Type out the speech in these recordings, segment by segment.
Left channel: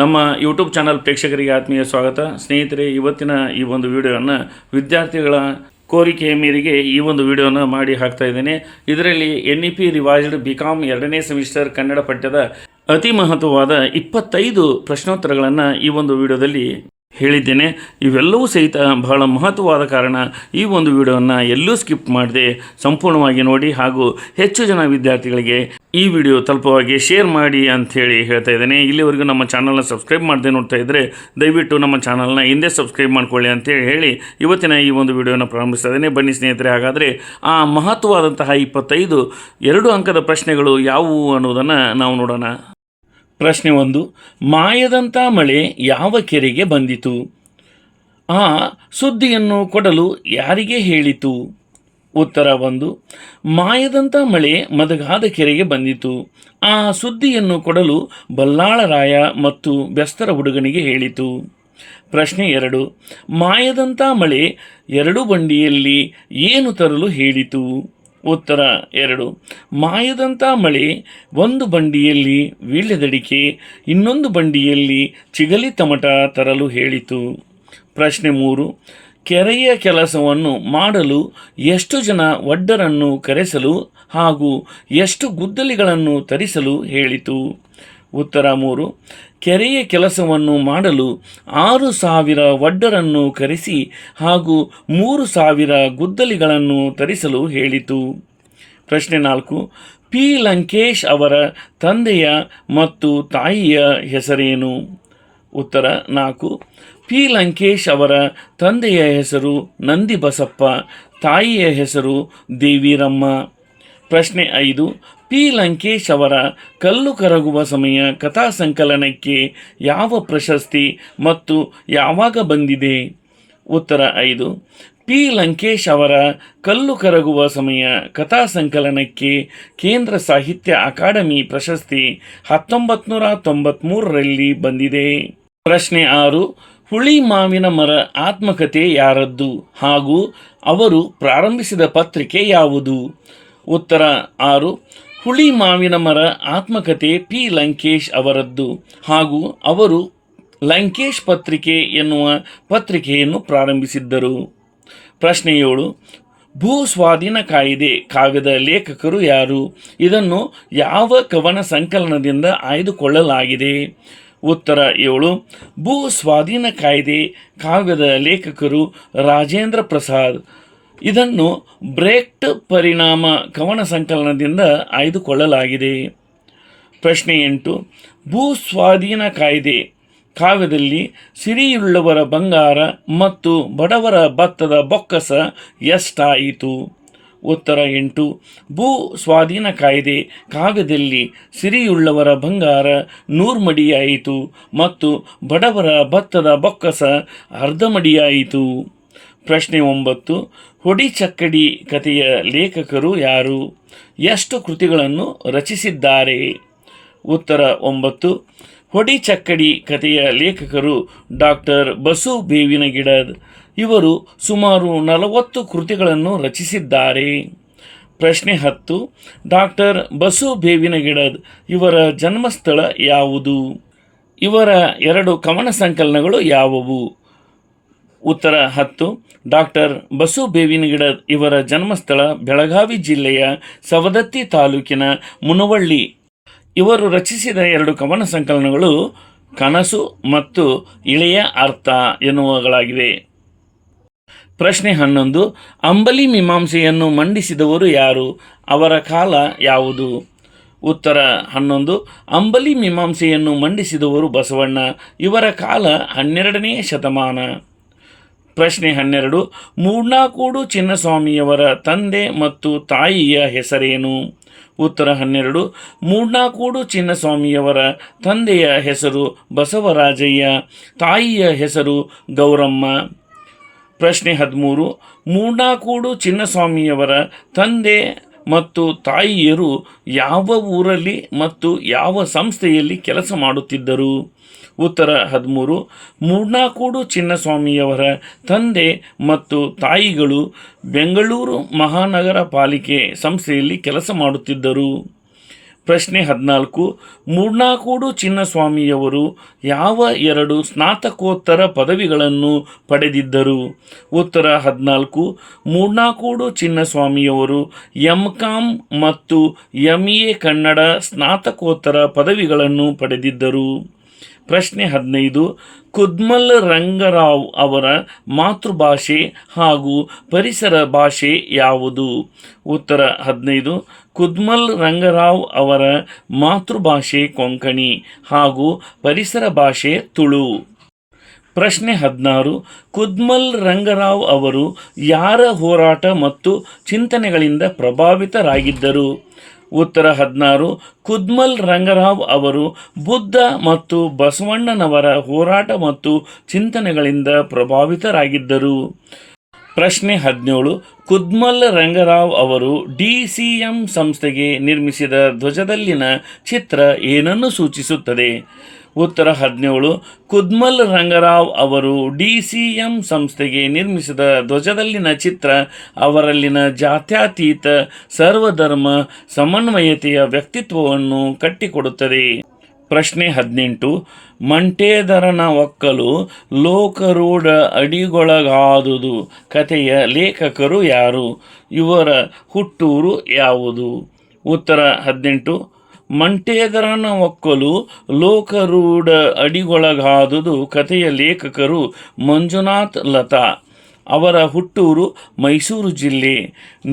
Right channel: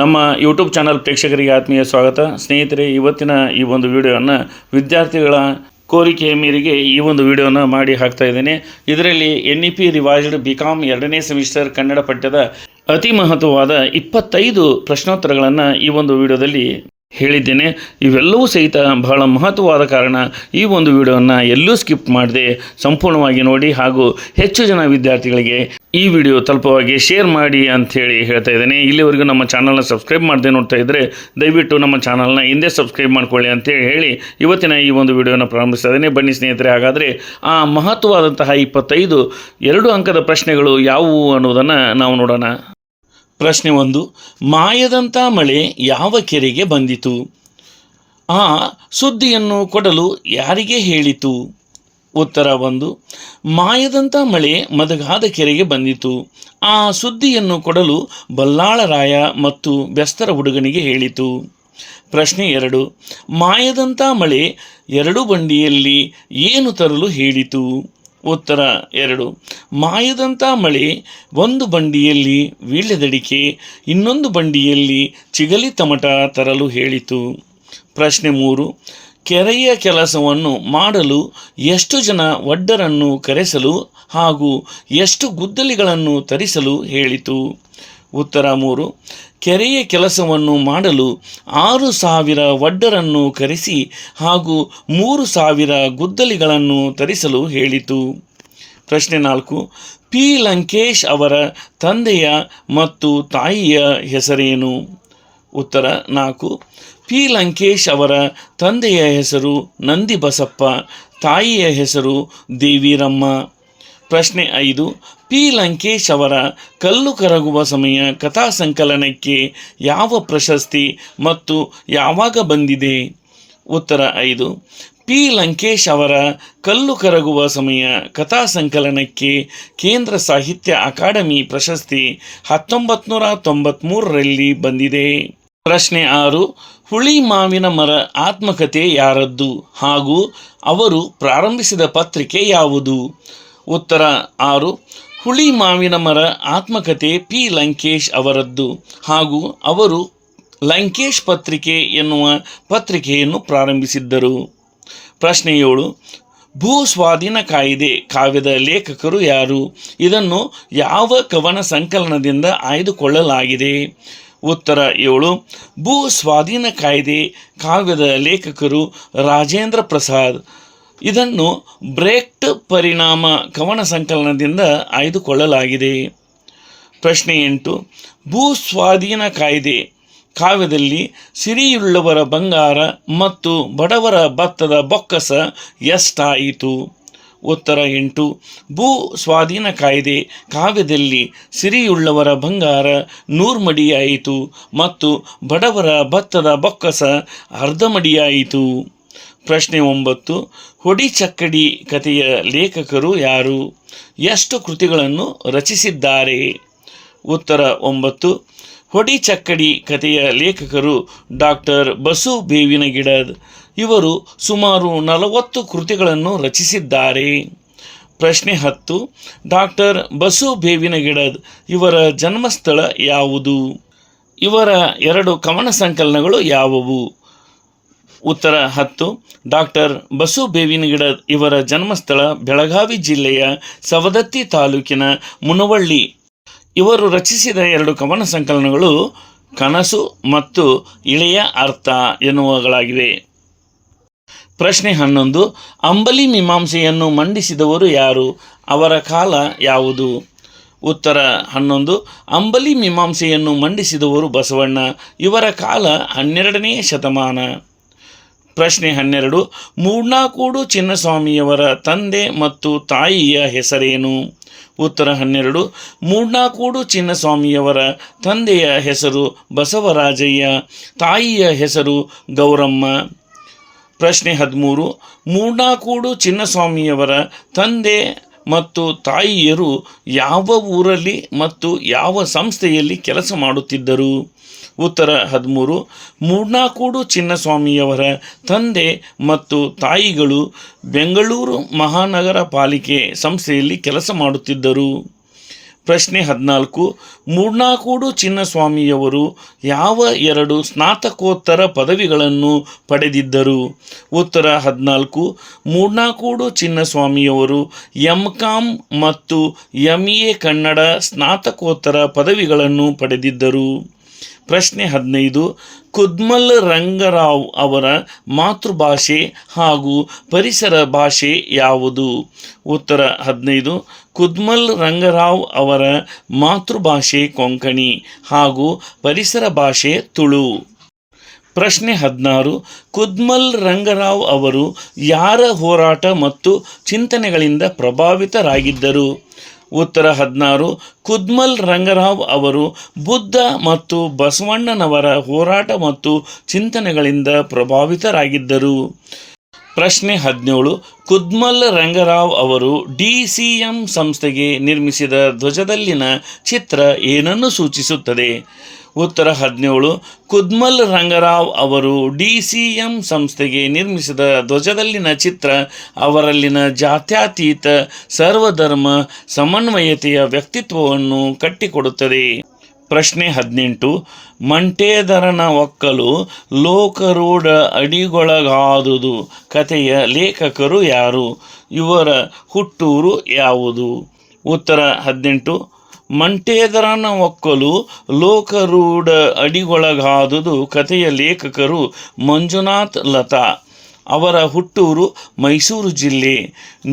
ನಮ್ಮ YouTube channel ಪ್ರೇಕ್ಷಕರಿಗೆ ಆತ್ಮೀಯ ಸ್ವಾಗತ. ಸ್ನೇಹಿತರೆ, ಇವತ್ತಿನ ಈ ಒಂದು ವಿಡಿಯೋವನ್ನು ವಿದ್ಯಾರ್ಥಿಗಳ ಕೋರಿಕೆಯ ಮೇರೆಗೆ ಈ ಒಂದು ವಿಡಿಯೋನ ಮಾಡಿ ಹಾಕ್ತಾ ಇದ್ದೇನೆ. ಇದರಲ್ಲಿ NEP ರಿವೈಸ್ಡ್ BCom 2ನೇ ಸೆಮಿಸ್ಟರ್ ಕನ್ನಡ ಪಠ್ಯದ ಅತಿ ಮಹತ್ವವಾದ 25 ಪ್ರಶ್ನೋತ್ತರಗಳನ್ನು ಈ ಒಂದು ವಿಡಿಯೋದಲ್ಲಿ ಹೇಳಿದ್ದೇನೆ. ಇವೆಲ್ಲವೂ ಸಹಿತ ಬಹಳ ಮಹತ್ವವಾದ ಕಾರಣ ಈ ಒಂದು ವಿಡಿಯೋವನ್ನು ಎಲ್ಲೂ ಸ್ಕಿಪ್ ಮಾಡದೆ ಸಂಪೂರ್ಣವಾಗಿ ನೋಡಿ ಹಾಗೂ ಹೆಚ್ಚು ಜನ ವಿದ್ಯಾರ್ಥಿಗಳಿಗೆ ಈ ವಿಡಿಯೋ ತಲುಪುವಾಗಿ ಶೇರ್ ಮಾಡಿ ಅಂಥೇಳಿ ಹೇಳ್ತಾ ಇದ್ದೇನೆ. ಇಲ್ಲಿವರೆಗೂ ನಮ್ಮ ಚಾನಲ್ನ ಸಬ್ಸ್ಕ್ರೈಬ್ ಮಾಡದೆ ನೋಡ್ತಾ ಇದ್ದರೆ ದಯವಿಟ್ಟು ನಮ್ಮ ಚಾನಲ್ನ ಹಿಂದೆ ಸಬ್ಸ್ಕ್ರೈಬ್ ಮಾಡ್ಕೊಳ್ಳಿ ಅಂತೇಳಿ ಹೇಳಿ ಇವತ್ತಿನ ಈ ಒಂದು ವಿಡಿಯೋನ ಪ್ರಾರಂಭಿಸ್ತಾ ಇದ್ದೇನೆ. ಬನ್ನಿ ಸ್ನೇಹಿತರೆ, ಹಾಗಾದರೆ ಆ ಮಹತ್ವವಾದಂತಹ 25 2 ಅಂಕದ ಪ್ರಶ್ನೆಗಳು ಯಾವುವು ಅನ್ನೋದನ್ನು ನಾವು ನೋಡೋಣ. ಪ್ರಶ್ನೆ 1. ಮಾಯದಂಥ ಮಳೆ ಯಾವ ಕೆರೆಗೆ ಬಂದಿತು? ಆ ಸುದ್ದಿಯನ್ನು ಕೊಡಲು ಯಾರಿಗೆ ಹೇಳಿತು? ಉತ್ತರ 1. ಮಾಯದಂಥ ಮಳೆ ಮದಗಾದ ಕೆರೆಗೆ ಬಂದಿತು. ಆ ಸುದ್ದಿಯನ್ನು ಕೊಡಲು ಬಲ್ಲಾಳರಾಯ ಮತ್ತು ಬೆಸ್ತರ ಹುಡುಗನಿಗೆ ಹೇಳಿತು. ಪ್ರಶ್ನೆ 2. ಮಾಯದಂಥ ಮಳೆ 2 ಬಂಡಿಯಲ್ಲಿ ಏನು ತರಲು ಹೇಳಿತು? ಉತ್ತರ 2. ಮಾಯದಂಥ ಮಳೆ 1 ಬಂಡಿಯಲ್ಲಿ ವೀಳ್ಯದಡಿಕೆ, ಇನ್ನೊಂದು ಬಂಡಿಯಲ್ಲಿ ಚಿಗಲಿ ತಮಟ ತರಲು ಹೇಳಿತು. ಪ್ರಶ್ನೆ 3. ಕೆರೆಯ ಕೆಲಸವನ್ನು ಮಾಡಲು ಎಷ್ಟು ಜನ ಒಡ್ಡರನ್ನು ಕರೆಸಲು ಹಾಗೂ ಎಷ್ಟು ಗುದ್ದಲಿಗಳನ್ನು ತರಿಸಲು ಹೇಳಿತು? ಉತ್ತರ 3. ಕೆರೆಯ ಕೆಲಸವನ್ನು ಮಾಡಲು 6,000 ಒಡ್ಡರನ್ನು ಕರೆಸಿ ಹಾಗೂ 3,000 ಗುದ್ದಲಿಗಳನ್ನು ತರಿಸಲು ಹೇಳಿತು. ಪ್ರಶ್ನೆ 4. P. ಲಂಕೇಶ್ ಅವರ ತಂದೆಯ ಮತ್ತು ತಾಯಿಯ ಹೆಸರೇನು? ಉತ್ತರ 4. P. ಲಂಕೇಶ್ ಅವರ ತಂದೆಯ ಹೆಸರು ನಂದಿಬಸಪ್ಪ, ತಾಯಿಯ ಹೆಸರು ದೇವಿರಮ್ಮ. ಪ್ರಶ್ನೆ 5. P. ಲಂಕೇಶ್ ಅವರ ಕಲ್ಲು ಕರಗುವ ಸಮಯ ಕಥಾ ಸಂಕಲನಕ್ಕೆ ಯಾವ ಪ್ರಶಸ್ತಿ ಮತ್ತು ಯಾವಾಗ ಬಂದಿದೆ? ಉತ್ತರ 5. P. ಲಂಕೇಶ್ ಅವರ ಕಲ್ಲು ಕರಗುವ ಸಮಯ ಕಥಾ ಸಂಕಲನಕ್ಕೆ ಕೇಂದ್ರ ಸಾಹಿತ್ಯ ಅಕಾಡೆಮಿ ಪ್ರಶಸ್ತಿ 1993ರಲ್ಲಿ ಬಂದಿದೆ. ಪ್ರಶ್ನೆ 6. ಹುಳಿ ಮಾವಿನ ಮರ ಆತ್ಮಕಥೆ ಯಾರದ್ದು ಹಾಗೂ ಅವರು ಪ್ರಾರಂಭಿಸಿದ ಪತ್ರಿಕೆ ಯಾವುದು? ಉತ್ತರ 6. ಹುಳಿ ಮಾವಿನ ಮರ ಆತ್ಮಕಥೆ P. ಲಂಕೇಶ್ ಅವರದ್ದು ಹಾಗೂ ಅವರು ಲಂಕೇಶ್ ಪತ್ರಿಕೆ ಎನ್ನುವ ಪತ್ರಿಕೆಯನ್ನು ಪ್ರಾರಂಭಿಸಿದ್ದರು. ಪ್ರಶ್ನೆ 7. ಭೂ ಸ್ವಾಧೀನ ಕಾಯ್ದೆ ಕಾವ್ಯದ ಲೇಖಕರು ಯಾರು? ಇದನ್ನು ಯಾವ ಕವನ ಸಂಕಲನದಿಂದ ಆಯ್ದುಕೊಳ್ಳಲಾಗಿದೆ? ಉತ್ತರ 7. ಭೂ ಸ್ವಾಧೀನ ಕಾಯ್ದೆ ಕಾವ್ಯದ ಲೇಖಕರು ರಾಜೇಂದ್ರ ಪ್ರಸಾದ್. ಇದನ್ನು ಬ್ರೇಕ್ಟ್ ಪರಿಣಾಮ ಕವನ ಸಂಕಲನದಿಂದ ಆಯ್ದುಕೊಳ್ಳಲಾಗಿದೆ. ಪ್ರಶ್ನೆ 8. ಭೂ ಸ್ವಾಧೀನ ಕಾಯ್ದೆ ಕಾವ್ಯದಲ್ಲಿ ಸಿರಿಯುಳ್ಳವರ ಬಂಗಾರ ಮತ್ತು ಬಡವರ ಭತ್ತದ ಬೊಕ್ಕಸ ಎಷ್ಟಾಯಿತು? ಉತ್ತರ 8. ಭೂ ಸ್ವಾಧೀನ ಕಾಯ್ದೆ ಕಾವ್ಯದಲ್ಲಿ ಸಿರಿಯುಳ್ಳವರ ಬಂಗಾರ 100 ಮಡಿಯಾಯಿತು ಮತ್ತು ಬಡವರ ಭತ್ತದ ಬೊಕ್ಕಸ ಅರ್ಧ ಮಡಿಯಾಯಿತು. ಪ್ರಶ್ನೆ 9. ಹೊಡಿ ಚಕ್ಕಡಿ ಕಥೆಯ ಲೇಖಕರು ಯಾರು? ಎಷ್ಟು ಕೃತಿಗಳನ್ನು ರಚಿಸಿದ್ದಾರೆ? ಉತ್ತರ 9. ಹೊಡಿ ಚಕ್ಕಡಿ ಕಥೆಯ ಲೇಖಕರು ಡಾಕ್ಟರ್ ಬಸು ಬೇವಿನ ಗಿಡದ್. ಇವರು ಸುಮಾರು 40 ಕೃತಿಗಳನ್ನು ರಚಿಸಿದ್ದಾರೆ. ಪ್ರಶ್ನೆ 10. ಡಾಕ್ಟರ್ ಬಸು ಬೇವಿನ ಗಿಡದ್ ಇವರ ಜನ್ಮಸ್ಥಳ ಯಾವುದು? ಇವರ 2 ಕವನ ಸಂಕಲನಗಳು ಯಾವುವು? ಉತ್ತರ 10. ಡಾಕ್ಟರ್ ಬಸು ಬೇವಿನ ಗಿಡದ್ ಇವರ ಜನ್ಮಸ್ಥಳ ಬೆಳಗಾವಿ ಜಿಲ್ಲೆಯ ಸವದತ್ತಿ ತಾಲೂಕಿನ ಮುನವಳ್ಳಿ. ಇವರು ರಚಿಸಿದ 2 ಕವನ ಸಂಕಲನಗಳು ಕನಸು ಮತ್ತು ಇಳೆಯ ಅರ್ಥ ಎನ್ನುವುಗಳಾಗಿವೆ. ಪ್ರಶ್ನೆ 11. ಅಂಬಲಿ ಮೀಮಾಂಸೆಯನ್ನು ಮಂಡಿಸಿದವರು ಯಾರು? ಅವರ ಕಾಲ ಯಾವುದು? ಉತ್ತರ 11. ಅಂಬಲಿ ಮೀಮಾಂಸೆಯನ್ನು ಮಂಡಿಸಿದವರು ಬಸವಣ್ಣ. ಇವರ ಕಾಲ 12ನೇ ಶತಮಾನ. ಪ್ರಶ್ನೆ 12. ಮೂಡ್ನಾಕೂಡು ಚಿನ್ನಸ್ವಾಮಿಯವರ ತಂದೆ ಮತ್ತು ತಾಯಿಯ ಹೆಸರೇನು? ಉತ್ತರ 12. ಮೂಡ್ನಾಕೂಡು ಚಿನ್ನಸ್ವಾಮಿಯವರ ತಂದೆಯ ಹೆಸರು ಬಸವರಾಜಯ್ಯ, ತಾಯಿಯ ಹೆಸರು ಗೌರಮ್ಮ. ಪ್ರಶ್ನೆ 13. ಮೂಡ್ನಾಕೂಡು ಚಿನ್ನಸ್ವಾಮಿಯವರ ತಂದೆ ಮತ್ತು ತಾಯಿಯರು ಯಾವ ಊರಲ್ಲಿ ಮತ್ತು ಯಾವ ಸಂಸ್ಥೆಯಲ್ಲಿ ಕೆಲಸ ಮಾಡುತ್ತಿದ್ದರು? ಉತ್ತರ 13. ಮೂಡ್ನಾಕೂಡು ಚಿನ್ನಸ್ವಾಮಿಯವರ ತಂದೆ ಮತ್ತು ತಾಯಿಗಳು ಬೆಂಗಳೂರು ಮಹಾನಗರ ಪಾಲಿಕೆ ಸಂಸ್ಥೆಯಲ್ಲಿ ಕೆಲಸ ಮಾಡುತ್ತಿದ್ದರು. ಪ್ರಶ್ನೆ 14. ಮೂಡ್ನಾಕೂಡು ಚಿನ್ನಸ್ವಾಮಿಯವರು ಯಾವ 2 ಸ್ನಾತಕೋತ್ತರ ಪದವಿಗಳನ್ನು ಪಡೆದಿದ್ದರು? ಉತ್ತರ 14. ಮೂಡ್ನಾಕೂಡು ಚಿನ್ನಸ್ವಾಮಿಯವರು MCom ಮತ್ತು MA ಕನ್ನಡ ಸ್ನಾತಕೋತ್ತರ ಪದವಿಗಳನ್ನು ಪಡೆದಿದ್ದರು. ಪ್ರಶ್ನೆ 15. ಕುದ್ಮಲ್ ರಂಗರಾವ್ ಅವರ ಮಾತೃಭಾಷೆ ಹಾಗೂ ಪರಿಸರ ಭಾಷೆ ಯಾವುದು? ಉತ್ತರ 15. ಕುದ್ಮಲ್ ರಂಗರಾವ್ ಅವರ ಮಾತೃಭಾಷೆ ಕೊಂಕಣಿ ಹಾಗೂ ಪರಿಸರ ಭಾಷೆ ತುಳು. ಪ್ರಶ್ನೆ 16. ಕುದ್ಮಲ್ ರಂಗರಾವ್ ಅವರು ಯಾರ ಹೋರಾಟ ಮತ್ತು ಚಿಂತನೆಗಳಿಂದ ಪ್ರಭಾವಿತರಾಗಿದ್ದರು? ಉತ್ತರ 16. ಕುದ್ಮಲ್ ರಂಗರಾವ್ ಅವರು ಬುದ್ಧ ಮತ್ತು ಬಸವಣ್ಣನವರ ಹೋರಾಟ ಮತ್ತು ಚಿಂತನೆಗಳಿಂದ ಪ್ರಭಾವಿತರಾಗಿದ್ದರು. ಪ್ರಶ್ನೆ 17. ಕುದ್ಮಲ್ ರಂಗರಾವ್ ಅವರು DCM ಸಂಸ್ಥೆಗೆ ನಿರ್ಮಿಸಿದ ಧ್ವಜದಲ್ಲಿನ ಚಿತ್ರ ಏನನ್ನು ಸೂಚಿಸುತ್ತದೆ? ಉತ್ತರ 17. ಕುದ್ಮಲ್ ರಂಗರಾವ್ ಅವರು DCM ಸಂಸ್ಥೆಗೆ ನಿರ್ಮಿಸಿದ ಧ್ವಜದಲ್ಲಿನ ಚಿತ್ರ ಅವರಲ್ಲಿನ ಜಾತ್ಯತೀತ ಸರ್ವಧರ್ಮ ಸಮನ್ವಯತೆಯ ವ್ಯಕ್ತಿತ್ವವನ್ನು ಕಟ್ಟಿಕೊಡುತ್ತದೆ. ಪ್ರಶ್ನೆ 18. ಮಂಟೇದರನ ಒಕ್ಕಲು ಲೋಕರೂಢ ಅಡಿಗೊಳಗಾದುದು ಕಥೆಯ ಲೇಖಕರು ಯಾರು? ಇವರ ಹುಟ್ಟೂರು ಯಾವುದು? ಉತ್ತರ 18. ಮಂಟೇದರನ ಒಕ್ಕಲು ಲೋಕರೂಢ ಅಡಿಗೊಳಗಾದುದು ಕಥೆಯ ಲೇಖಕರು ಮಂಜುನಾಥ್ ಲತಾ. ಅವರ ಹುಟ್ಟೂರು ಮೈಸೂರು ಜಿಲ್ಲೆ,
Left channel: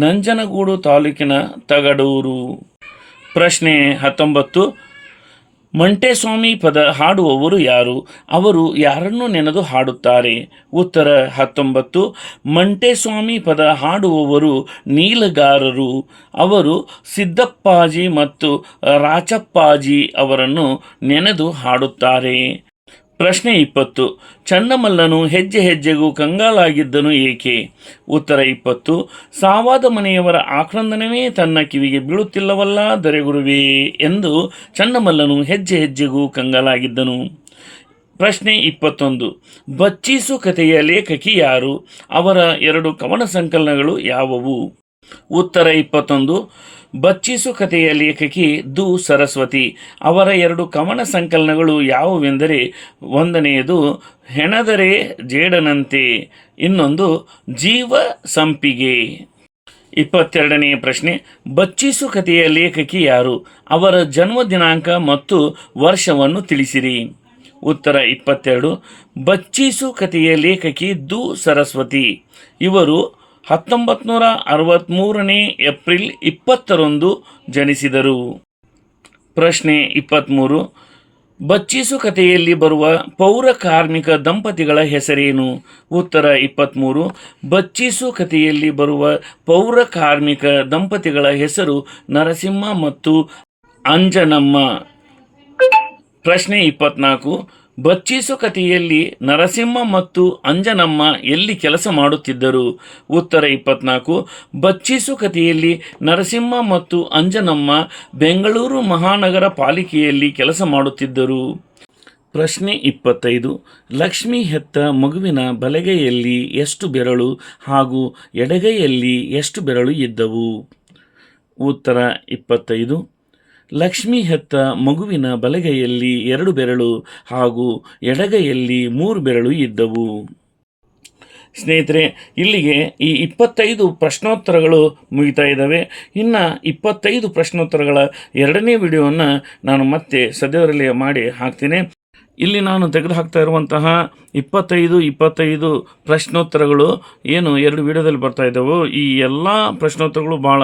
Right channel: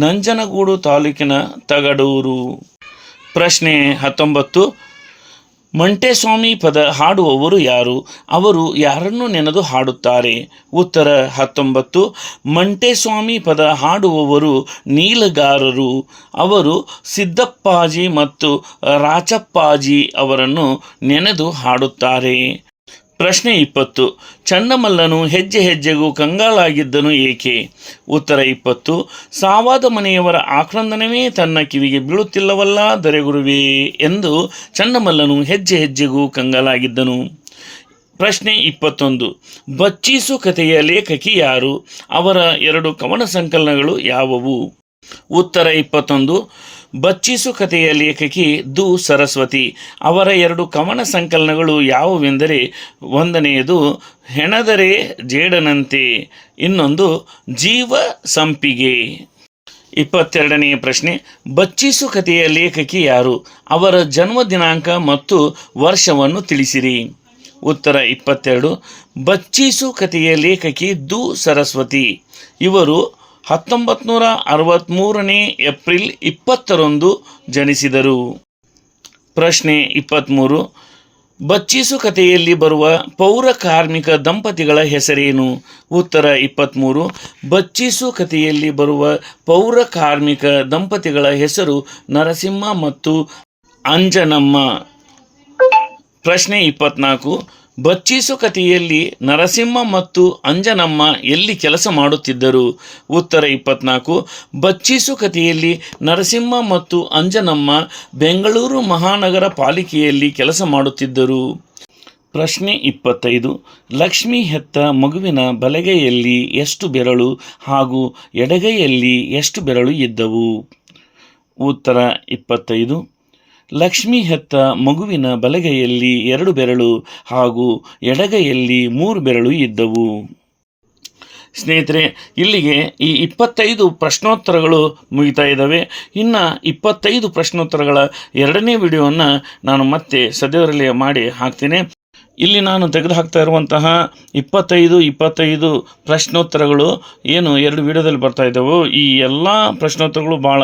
ನಂಜನಗೂಡು ತಾಲೂಕಿನ ತಗಡೂರು. ಪ್ರಶ್ನೆ 19. ಮಂಟೇಸ್ವಾಮಿ ಪದ ಹಾಡುವವರು ಯಾರು? ಅವರು ಯಾರನ್ನು ನೆನೆದು ಹಾಡುತ್ತಾರೆ? ಉತ್ತರ 19. ಮಂಟೇಸ್ವಾಮಿ ಪದ ಹಾಡುವವರು ನೀಲಗಾರರು. ಅವರು ಸಿದ್ದಪ್ಪಾಜಿ ಮತ್ತು ರಾಚಪ್ಪಾಜಿ ಅವರನ್ನು ನೆನೆದು ಹಾಡುತ್ತಾರೆ. ಪ್ರಶ್ನೆ 20. ಚನ್ನಮಲ್ಲನು ಹೆಜ್ಜೆ ಹೆಜ್ಜೆಗೂ ಕಂಗಾಲಾಗಿದ್ದನು ಏಕೆ? ಉತ್ತರ 20. ಸಾವಾದ ಮನೆಯವರ ಆಕ್ರಂದನವೇ ತನ್ನ ಕಿವಿಗೆ ಬೀಳುತ್ತಿಲ್ಲವಲ್ಲ ದೊರೆಗುರುವೇ ಎಂದು ಚನ್ನಮಲ್ಲನು ಹೆಜ್ಜೆ ಹೆಜ್ಜೆಗೂ ಕಂಗಾಲಾಗಿದ್ದನು. ಪ್ರಶ್ನೆ 21. ಬಚ್ಚೀಸು ಕಥೆಯ ಲೇಖಕಿ ಯಾರು? ಅವರ 2 ಕವನ ಸಂಕಲನಗಳು ಯಾವುವು? ಉತ್ತರ 21. ಬಚ್ಚೀಸು ಕಥೆಯ ಲೇಖಕಿ ದು ಸರಸ್ವತಿ. ಅವರ 2 ಕವನ ಸಂಕಲನಗಳು ಯಾವುವೆಂದರೆ, ಒಂದನೆಯದು ಹೆಣದರೆ ಜೇಡನಂತೆ, ಇನ್ನೊಂದು ಜೀವ ಸಂಪಿಗೆ. 22ನೇ ಪ್ರಶ್ನೆ. ಬಚ್ಚೀಸು ಕಥೆಯ ಲೇಖಕಿ ಯಾರು? ಅವರ ಜನ್ಮ ದಿನಾಂಕ ಮತ್ತು ವರ್ಷವನ್ನು ತಿಳಿಸಿರಿ. ಉತ್ತರ 22. ಬಚ್ಚೀಸು ಕಥೆಯ ಲೇಖಕಿ ದು ಸರಸ್ವತಿ. ಇವರು 1963 ಏಪ್ರಿಲ್ 20ರಂದು ಜನಿಸಿದರು. ಪ್ರಶ್ನೆ 23. ಬಚ್ಚೀಸು ಕಥೆಯಲ್ಲಿ ಬರುವ ಪೌರ ಕಾರ್ಮಿಕ ದಂಪತಿಗಳ ಹೆಸರೇನು? ಉತ್ತರ 23. ಬಚ್ಚೀಸು ಕಥೆಯಲ್ಲಿ ಬರುವ ಪೌರ ಕಾರ್ಮಿಕ ದಂಪತಿಗಳ ಹೆಸರು ನರಸಿಂಹ ಮತ್ತು ಅಂಜನಮ್ಮ. ಪ್ರಶ್ನೆ 24. ಬಚ್ಚೀಸು ಕಥೆಯಲ್ಲಿ ನರಸಿಂಹ ಮತ್ತು ಅಂಜನಮ್ಮ ಎಲ್ಲಿ ಕೆಲಸ ಮಾಡುತ್ತಿದ್ದರು? ಉತ್ತರ 24. ಬಚ್ಚೀಸು ಕಥೆಯಲ್ಲಿ ನರಸಿಂಹ ಮತ್ತು ಅಂಜನಮ್ಮ ಬೆಂಗಳೂರು ಮಹಾನಗರ ಪಾಲಿಕೆಯಲ್ಲಿ ಕೆಲಸ ಮಾಡುತ್ತಿದ್ದರು. ಪ್ರಶ್ನೆ 25. ಲಕ್ಷ್ಮಿ ಹೆತ್ತ ಮಗುವಿನ ಬಲಗೈಯಲ್ಲಿ ಎಷ್ಟು ಬೆರಳು ಹಾಗೂ ಎಡಗೈಯಲ್ಲಿ ಎಷ್ಟು ಬೆರಳು ಇದ್ದವು? ಉತ್ತರ 25. ಲಕ್ಷ್ಮಿ ಹೆತ್ತ ಮಗುವಿನ ಬಲಗೈಯಲ್ಲಿ 2 ಬೆರಳು ಹಾಗೂ ಎಡಗೈಯಲ್ಲಿ 3 ಬೆರಳು ಇದ್ದವು. ಸ್ನೇಹಿತರೆ, ಇಲ್ಲಿಗೆ ಈ 25 ಪ್ರಶ್ನೋತ್ತರಗಳು ಮುಗಿತಾ ಇದ್ದಾವೆ. ಇನ್ನು 25 ಪ್ರಶ್ನೋತ್ತರಗಳ 2ನೇ ವಿಡಿಯೋವನ್ನು ನಾನು ಮತ್ತೆ ಸದ್ಯದರಲ್ಲೇ ಮಾಡಿ ಹಾಕ್ತೀನಿ. ಇಲ್ಲಿ ನಾನು ತೆಗೆದುಹಾಕ್ತಾ ಇರುವಂತಹ 25 ಪ್ರಶ್ನೋತ್ತರಗಳು ಏನು 2 ವಿಡಿಯೋದಲ್ಲಿ ಬರ್ತಾ ಇದ್ದವು, ಈ ಎಲ್ಲ ಪ್ರಶ್ನೋತ್ತರಗಳು ಭಾಳ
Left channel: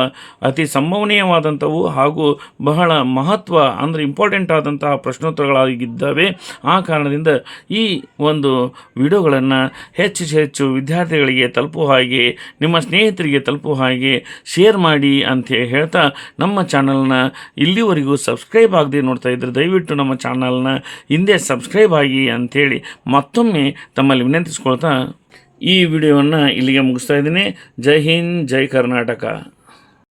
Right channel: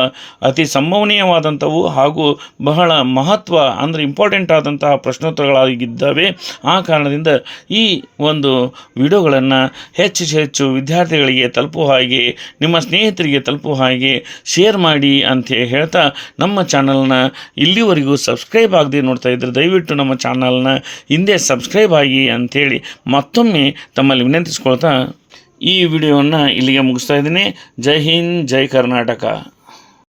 ಅತಿ ಸಂಭವನೀಯವಾದಂಥವು ಹಾಗೂ ಬಹಳ ಮಹತ್ವ ಅಂದರೆ ಇಂಪಾರ್ಟೆಂಟ್ ಆದಂತಹ ಪ್ರಶ್ನೋತ್ತರಗಳಾಗಿದ್ದಾವೆ. ಆ ಕಾರಣದಿಂದ ಈ ಒಂದು ವಿಡಿಯೋಗಳನ್ನು ಹೆಚ್ಚು ವಿದ್ಯಾರ್ಥಿಗಳಿಗೆ ತಲುಪುವ ಹಾಗೆ, ನಿಮ್ಮ ಸ್ನೇಹಿತರಿಗೆ ತಲುಪುವ ಹಾಗೆ ಶೇರ್ ಮಾಡಿ ಅಂತ ಹೇಳ್ತಾ, ನಮ್ಮ ಚಾನಲ್ನ ಇಲ್ಲಿವರೆಗೂ ಸಬ್ಸ್ಕ್ರೈಬ್ ಆಗದೆ ನೋಡ್ತಾ ಇದ್ದರೆ ದಯವಿಟ್ಟು ನಮ್ಮ ಚಾನಲ್ನ ಹಿಂದೆ ಸಬ್ಸ್ಕ್ರೈಬ್ ಆಗಿ ಅಂಥೇಳಿ ಮತ್ತೊಮ್ಮೆ ತಮ್ಮಲ್ಲಿ ವಿನಂತಿಸ್ಕೊಳ್ತಾ ಈ ವಿಡಿಯೋವನ್ನು ಇಲ್ಲಿಗೆ ಮುಗಿಸ್ತಾ ಇದ್ದೀನಿ. ಜೈ ಹಿಂದ್, ಜೈ ಕರ್ನಾಟಕ.